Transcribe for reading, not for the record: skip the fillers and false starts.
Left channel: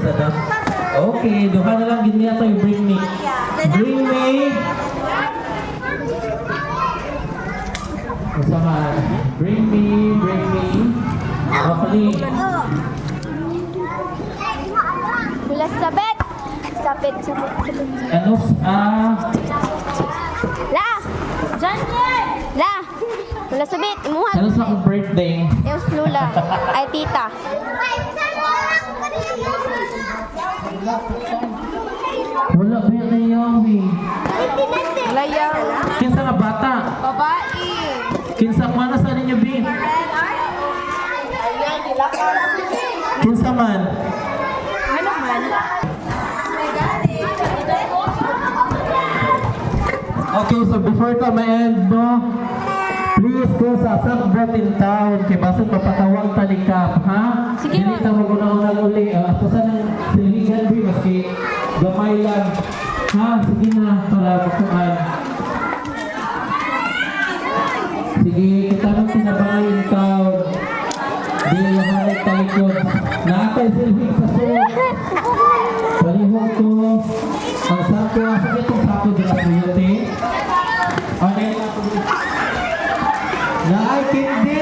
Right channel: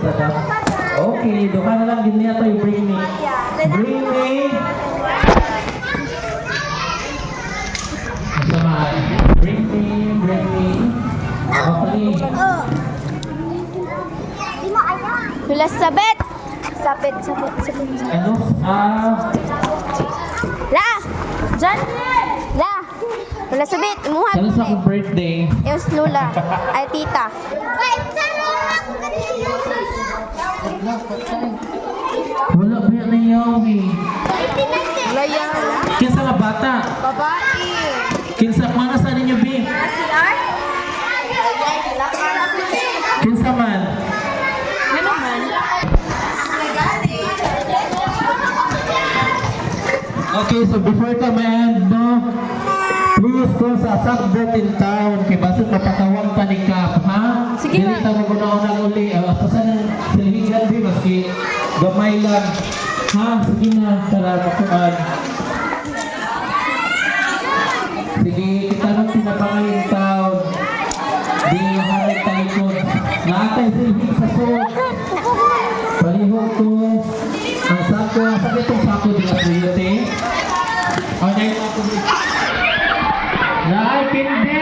sa dam. Okay, duha na lang din niya tayo. Bring me. Bring me. Kasamaan. Bring me. Bring me. Okay. Tulas sabit. Sabit. Ano? La! Janel! La! Tulas sabit. Imuhat Ano mo sa na akong birthday? Yung lula. Ay, tita. Wala ba yan na yawi? Layaw. Kinsa nga bata? Babae. Kinsa mana sa ninyo, B? Kinsa man? Ano man? Okay, so before ka ma-end, no? Please go sa Sagbot in town. Kay basod mapatawang talikap, ha? Sige na. Dili ta maguna-unang uli. Ito sa nang silhingan, B, maski gamay lang. Ha? Sige na, para makuan. Sige, kita nang tinabangay in town. Di hanay talikod. Naatay silhing sa suot. Palihog ko. Ang sako, sabi itong sako din ang suyot, eh. Okay. Naay, hindi.